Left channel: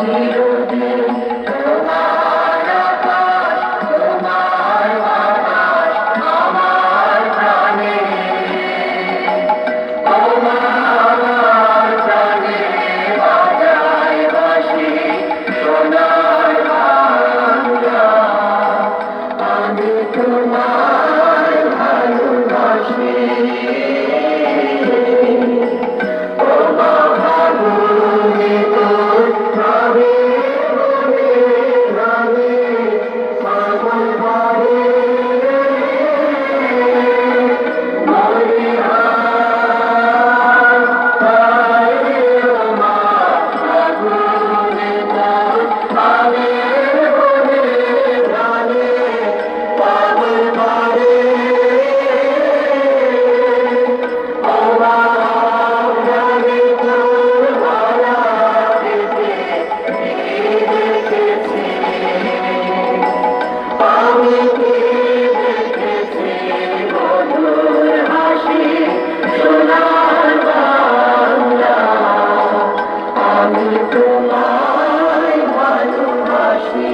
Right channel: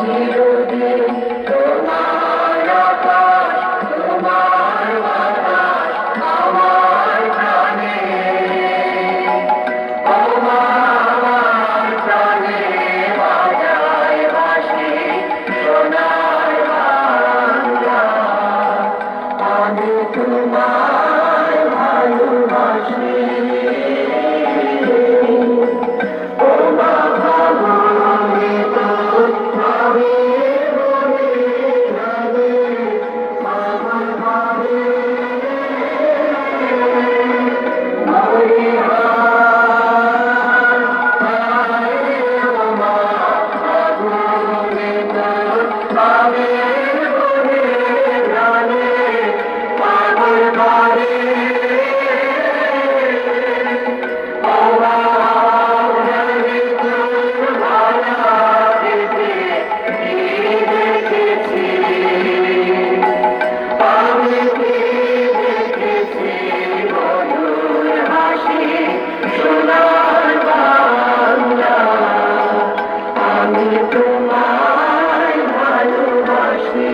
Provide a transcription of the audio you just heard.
চিরদিন তোমার তোমায় ভালোবাসি।